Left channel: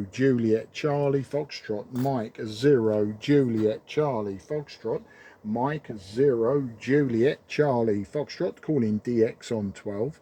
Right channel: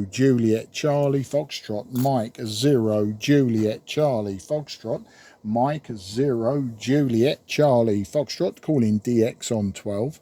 Juliet Charlie Foxtrot, Mike 0 Juliet Charlie Foxtrot, Mike 0 Juliet Charlie Foxtrot, calling DX on 12.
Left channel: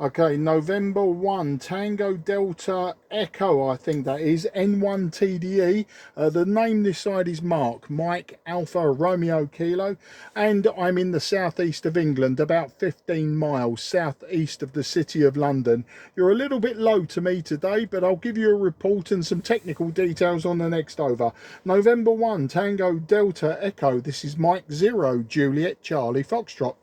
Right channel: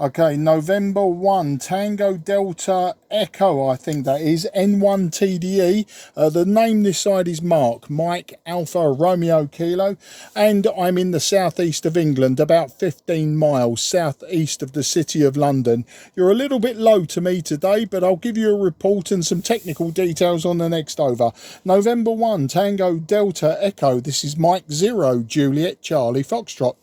Okay, November 1, Tango Delta Echo, I think that is, N1 TDE. The name this side is Mark, Mike Alpha Romeo Kilo, and I'm in the southeast of England, about 15 miles southeast of the city of London. You're a little bit low to me today, but I'll give you a report and some technical details on the next over. November 1, Tango Delta Echo, this is Mike 0 Juliet Charlie Foxtrot.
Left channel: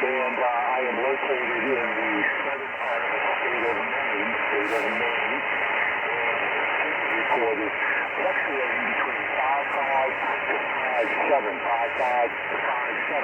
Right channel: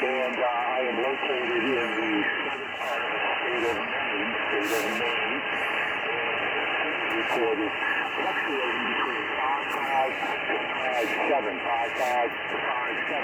And I am located in the southern part of the state of Maine, and recorded fluctuating between 55 to 57.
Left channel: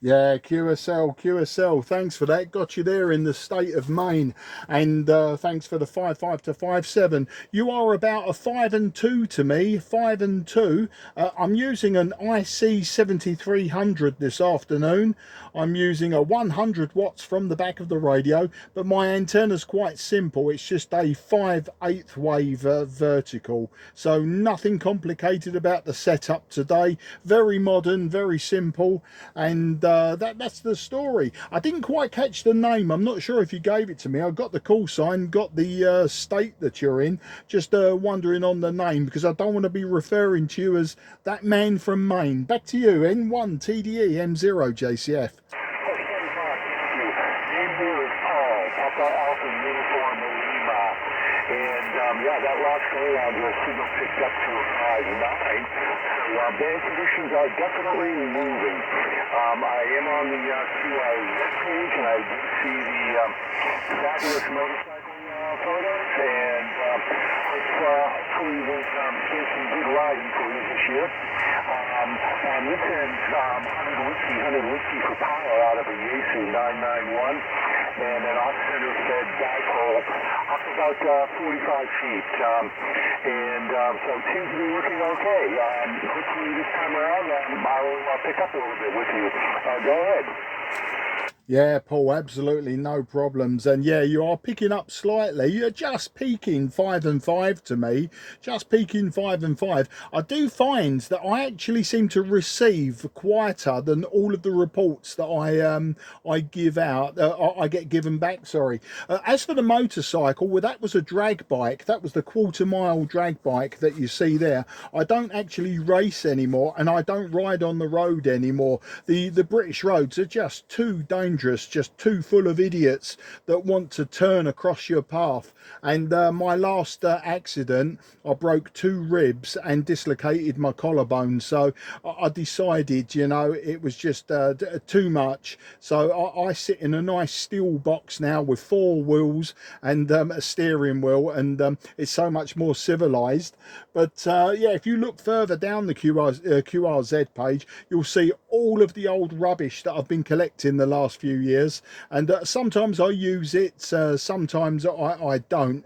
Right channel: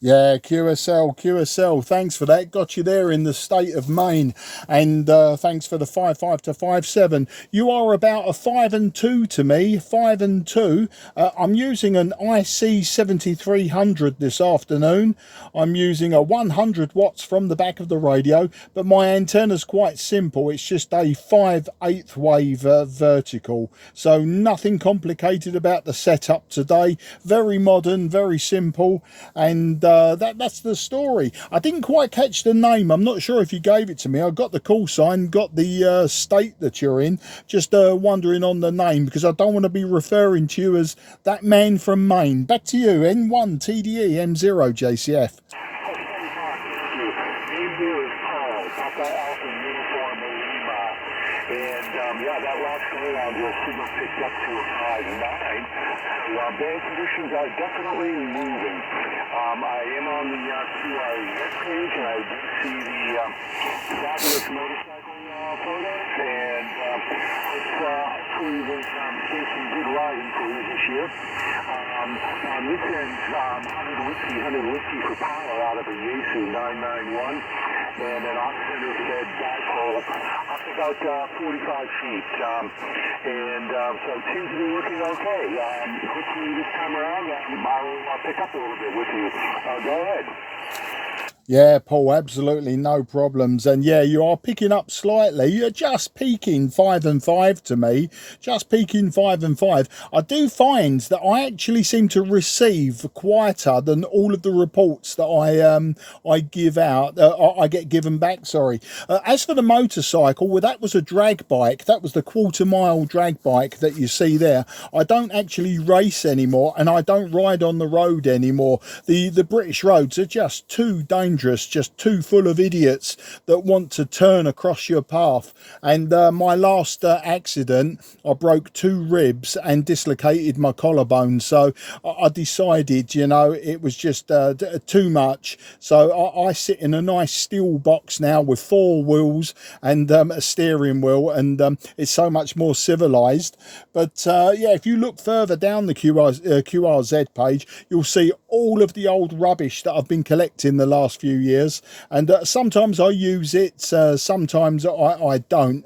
Yeah, QSL, thanks for that. Got you there in the state of Maine, and thanks for the 55 to 57. You are about a 5 and 2 to me, 5 and 2. I'm using an IC-7300 this afternoon. I'm using a 100 watts from the back of the radio, but my antenna's quite simple. It's just a 5/8 wave vertical, so nothing complicated about the setup today. Very modern, very simple, and that's the story. I didn't quite catch the name. I'm not sure if you gave it to me. I got the call sign, got the state that you're in. Just wondering on the name, because I don't want to be referring to you as that man from Maine. Back to you, N1 TDE M0 JCF. Yeah, that last go around, your signal picked up to a 5.9. So band conditions are definitely moving. I am on the QR page, and I do see the fabulous motorcycle photos, and hopefully there's some good riding for you this year. On this end, 100 whiskey for power out of a Yaesu 991. And an off-center fed dipole up about 45 feet. So it seems to be working okay. Hopefully this time around I'll pick up a little bit with you. Go ahead. Yeah, Paul, absolutely no problems. And yeah, you are picking up slightly. You're just peaking 5 and 5 to me. Just peaking 5 and 5. I do find that I actually seem to receive quieter than all of the reports that I give out. I get given back, sorry. As for the motorcycle, well, that was a drag bike. That was the quarter-mile drag bike that you see there. I don't actually race anymore, and I don't ride on the road anymore. The British roads are just too dangerous. Just too full of idiots that want to turn across your path. And my last accident, I broke 2 ribs and dislocated my collarbone. So I decided, you know, it was just too much. So I sit in a nice steel box now with 4 wheels and a steering wheel, and it's so much more civilized. But yeah, if you look further down the QRZ page, you'll see all of the old rubbish that I've been collecting the last few years, and sometimes I use it, sometimes I don't.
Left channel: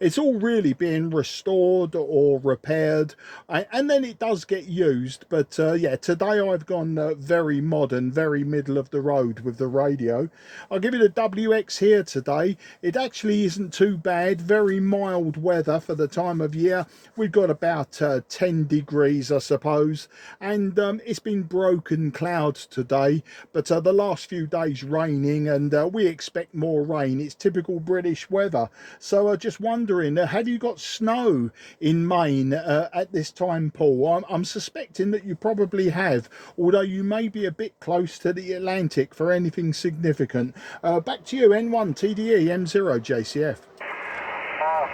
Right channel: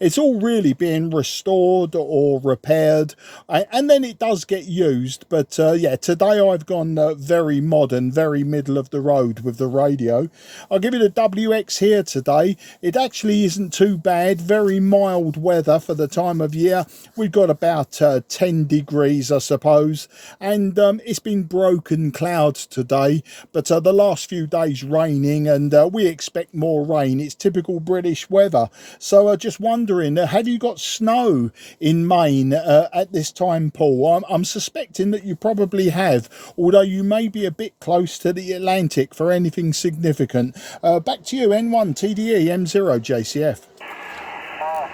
It's all really being restored or repaired, and then it does get used. But yeah, today I've gone very modern, very middle of the road with the radio. I'll give it a WX here today. It actually isn't too bad. Very mild weather for the time of year. We've got about 10 degrees, I suppose, and it's been broken clouds today, but the last few days raining, and we expect more rain. It's typical British weather. So just wondering, have you got snow in Maine at this time, Paul? I'm suspecting that you probably have, although you may be a bit close to the Atlantic for anything significant. Back to you, N1 TDE M0 JCF.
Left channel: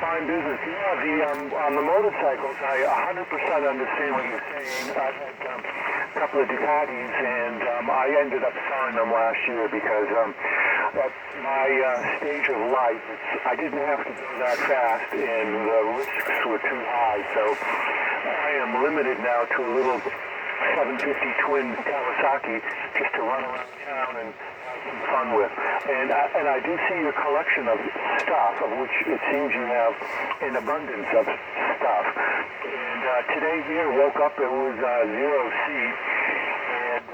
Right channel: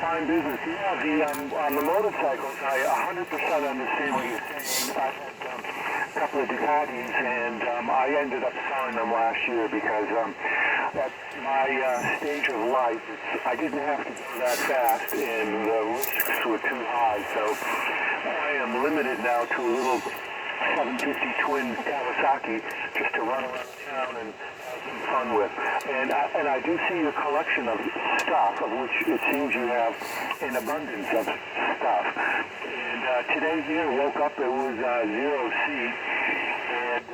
Fine business. Yeah, the motorcycles, I 100% understand what you're saying. I've had a couple of Ducatis, and I ended up selling them last year because at my stage of life, I didn't have to go that fast, and the risks were too high. So I am limited now to a little 750 twin Kawasaki just to run around town and have some fun with. And I do see your collection of stuff, of which it seems you have an abundance of stuff. And today here, woke up, it was 0C. And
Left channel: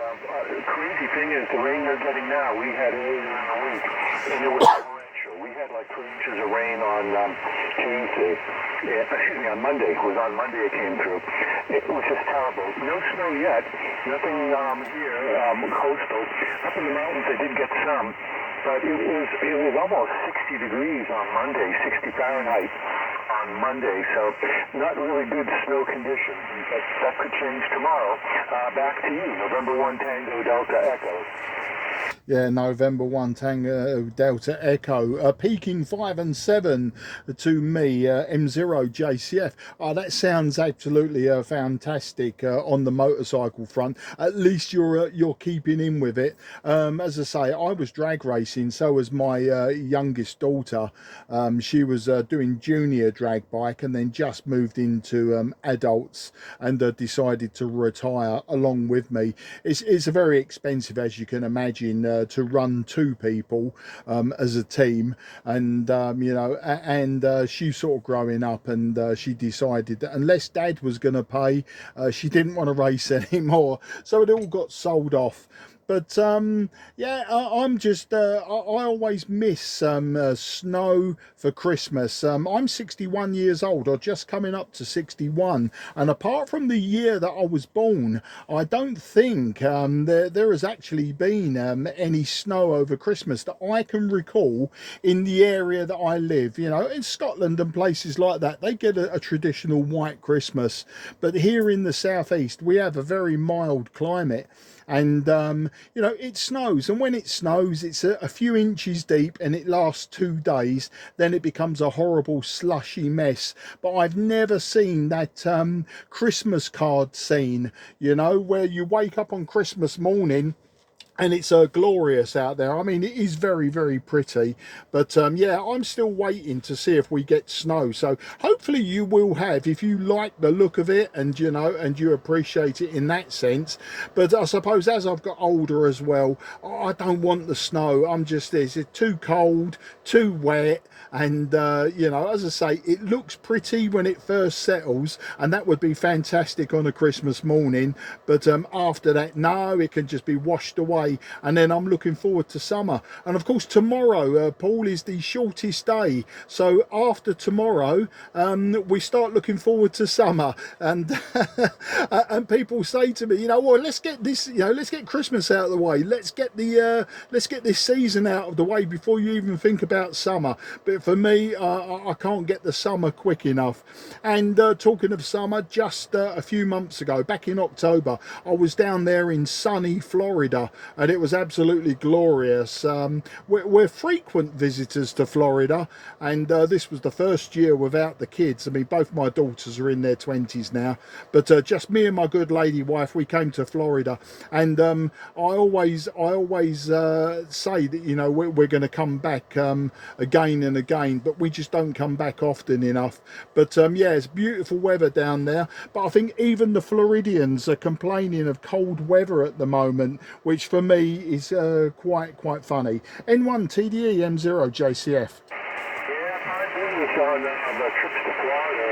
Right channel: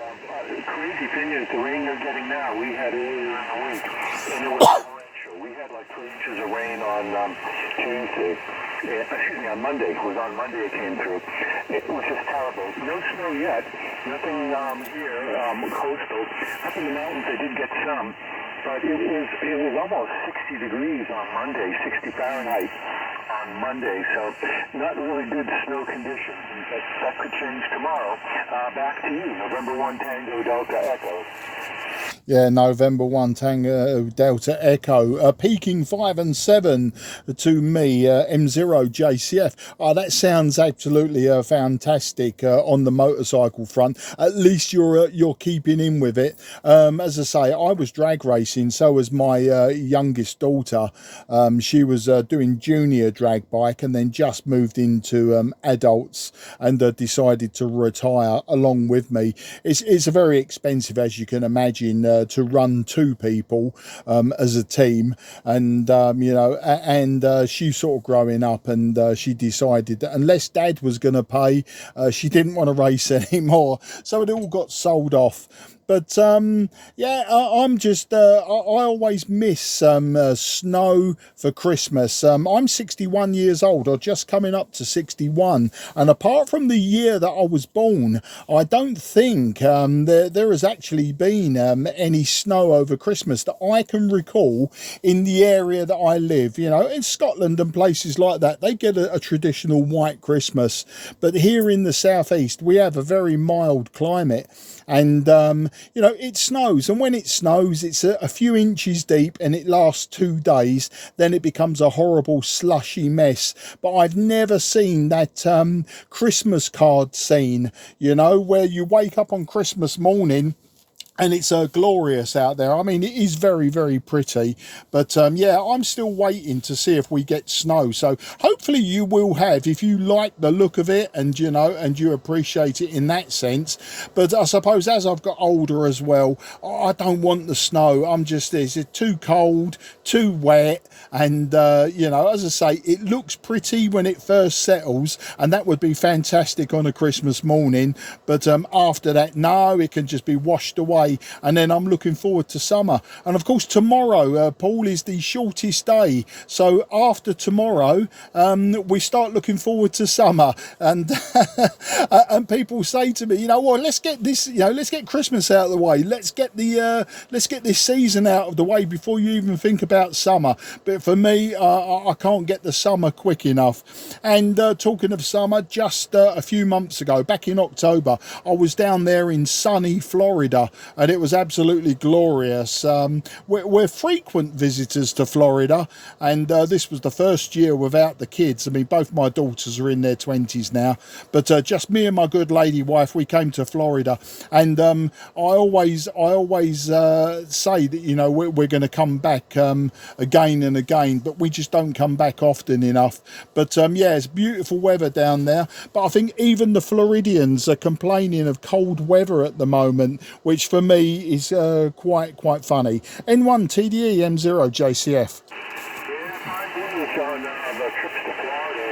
the crazy thing is, the rain you're getting now, we had earlier in the week, and it was torrential. We had like 3 inches of rain on Tuesday. Excuse me, on Monday. It was on Monday it came through. It was just terrible. No snow yet. Nothing here, coastal. Up in the mountains, I did get some. But it was almost 60 degrees on Monday, 60 Fahrenheit on Monday, so not really good snow conditions. But that could change tomorrow. Back to you, November 1 Tango Delta Echo. Yeah, November 1 Tango Delta Echo, peaking 5 and 7 to me, M0 JCF. Oh, that sounds absolutely fantastic on the motorcycle front. At least you're keeping in with it. As I say, I was drag racing, so was my youngest daughter. She was doing junior drag bike and then just moved into adults and decided to retire along with me. It's a very expensive, as you can imagine, to run 2 people as a team, and you know, and she's sort of growing up, and she decided that unless Dad was going to pay, she didn't want to race anymore, so it all got sold off. But yeah, I'm just I always miss snow for Christmas. I'm 61 years old, or just coming up to 61, and apart from the year that I was born, I don't think there has actually been any snow over Christmas that I can recall in the area that I live. You know, in Scotland and places like that, they get a traditional white Christmas, but here in the southeast we have a very mild climate. And you know, it snows, and when it snows, it's a few inches deep, and it lasts 2 days. Then it becomes a horrible slushy mess. But I've never seen that Christmas card scene, you know, where you wake up on Christmas morning and it's glorious out there. I mean, it is very, very pretty. But yeah, I'm still waiting to see if we get snow. So hopefully you will have, if you like the look of it, and you know, and you appreciate it in that sense. But I suppose as I've got older as well, I don't want the snow. I'm just, it's too cold, too wet. And you know, as I say, it looks pretty when it first settles, and that would be fantastic on a Christmas morning. But after that, no, it can just be washed away. And then I'm looking forward to summer. And of course, tomorrow, Paul, is the shortest day. So after tomorrow, we start looking forward to summer. And and people say to me, you know, well, let's get this, you know, let's get Christmas out of the way. Let's get this season out of the way before you even think about summer. But for me, I can't get the summer quick enough. And talking of summer, just a few months ago, back in October, I was down there in sunny Florida, and it was absolutely glorious. We're frequent visitors to Florida, and this was the first year without the kids. I mean, both my daughters are in their 20s now, but just me and my good lady wife, we came to Florida. And I always say that, you know, we're going to come back again and again, but we just don't come back often enough. But yeah, it's beautiful weather down there. But I think even the Floridians are complaining of cold weather at the moment, which for me is quite funny. N1 TDE M0 JCF. Yeah, my business on the trips to Florida,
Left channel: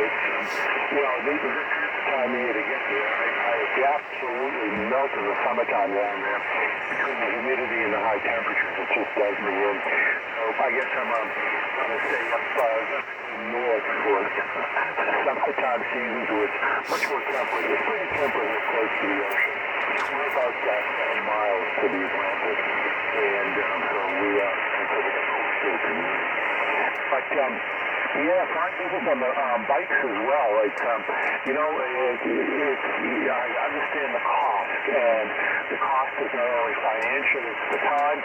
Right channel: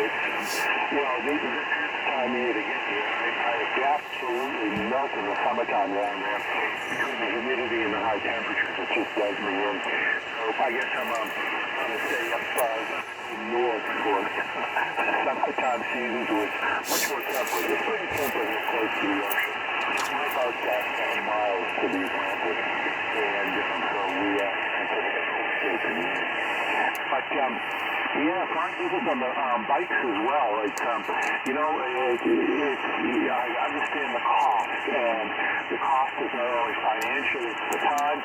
you know, this is the time of year to get there. I absolutely melt in the summertime down there because of the humidity and the high temperatures. It just does me in. So I guess I'm going to stay up north for the summertime seasons, where it's much more temperate. It's pretty temperate and close to the ocean. We're about 7 miles to the Atlantic, and so we are considered a coastal community. But yeah, fine business on the bikes as well. It's you know, I understand the cost, and the cost is not only financial, it's the time,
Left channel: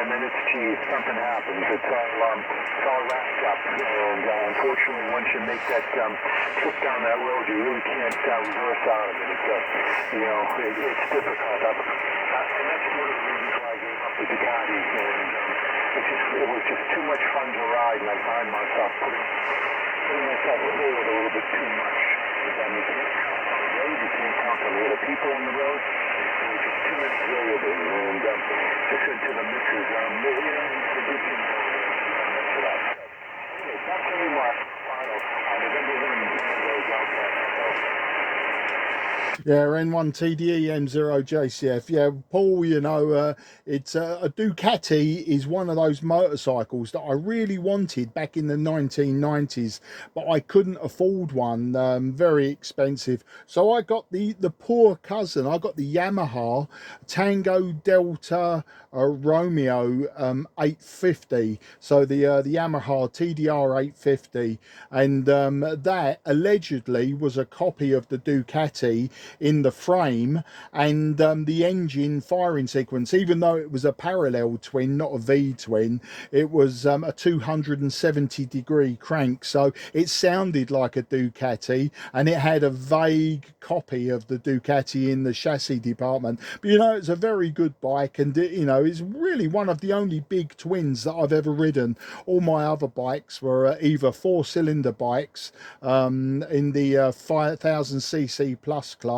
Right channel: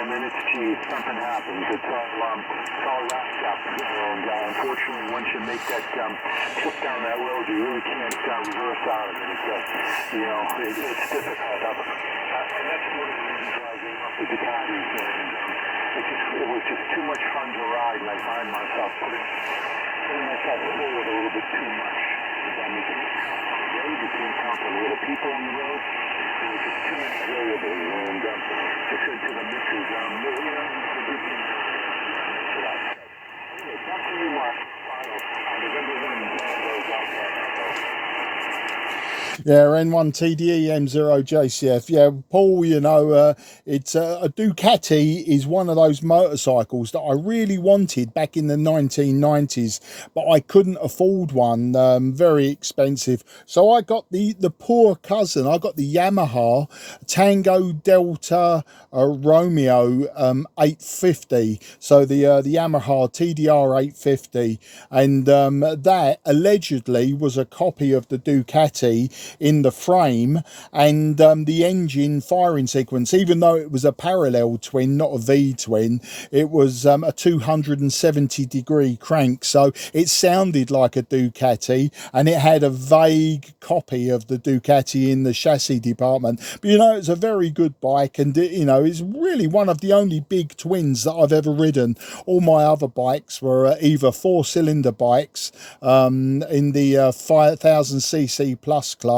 and then it's geez, something happens. It's all wrapped up, and unfortunately, once you make that trip down that road, you really can't reverse out of it. It's you know, it's difficult. And that's one of the reasons why I gave up the Ducatis, and it was just too much fun to ride, and I find myself putting myself forward a little bit too much. And you can't count on the road, you can't count on the other people on the road. There was just too many variables, and I said to the missus, well, you know, the good thing for that. Anyway, back to you, Mark. Final. November 1 goes out there. Yeah, N1TDE M0JCF. Yeah, Paul, you know, it's a Ducati is one of those motorcycles that I really wanted back in the 1990s, but I couldn't afford one, very expensive. So I got the poor cousin. I got the Yamaha Tango Delta Romeo 850. So the Yamaha TDR 850, and that allegedly was a copy of the Ducati in the frame, and the engine firing sequence, even though it was a parallel twin, not a V twin, it was a 270-degree crank, so it sounded like a Ducati, and it had a vague copy of the Ducati in the chassis department. But you know, it's a very good bike, and you know, it's really one of the only big twins that I've ever ridden. All my other bikes were either four-cylinder bikes in the 5000cc plus class,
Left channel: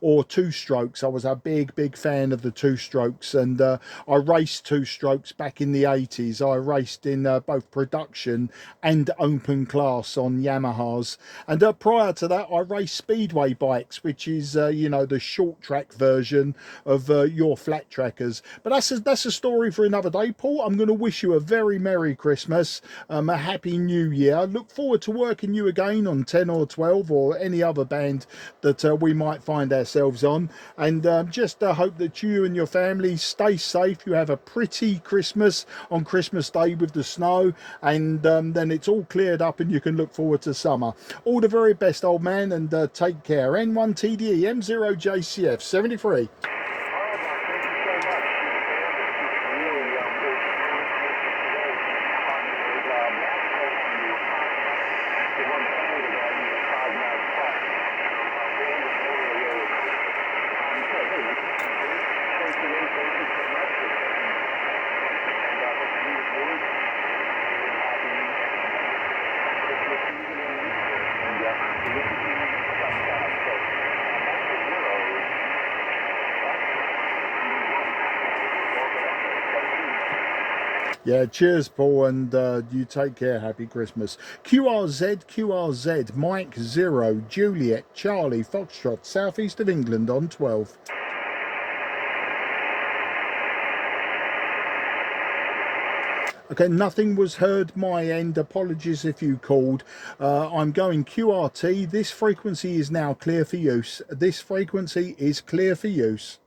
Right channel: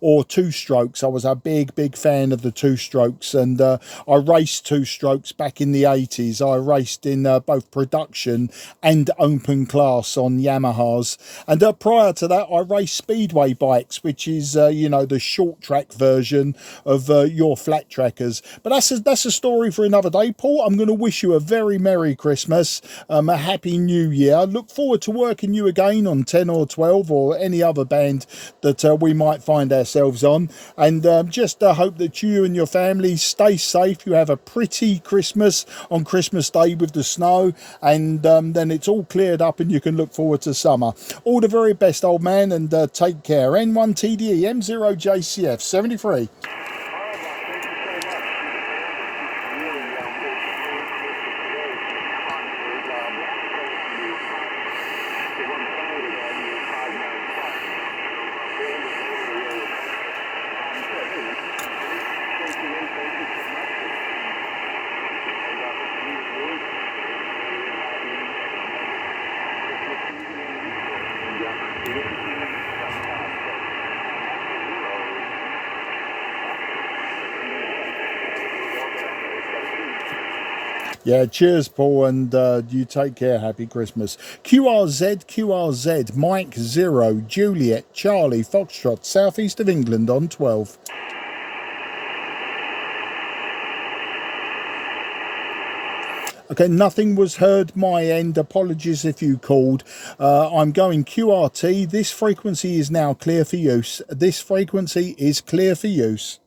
or two strokes. I was a big fan of the two strokes, and I raced two strokes back in the 80s. I raced in both production and open class on Yamahas, and prior to that I raced speedway bikes, which is you know, the short track version of your flat trackers. But that's a story for another day, Paul. I'm going to wish you a very Merry Christmas, a Happy New Year. I look forward to working you again on 10 or 12 or any other band that we might find ourselves on, and just hope that you and your family stay safe. You have a pretty Christmas on Christmas Day with the snow, and then it's all cleared up and you can look forward to summer. All the very best, old man, and take care. N1TDE M0JCF 73. Yeah, cheers, Paul, and you take care. Happy Christmas. QRZ, Mike 0, Juliet, Charlie, Foxtrot, southeast of England on 12. Okay, nothing was heard my end. Apologies if you called. I'm going QRT. This frequency is now clear for use. This frequency is clear for use.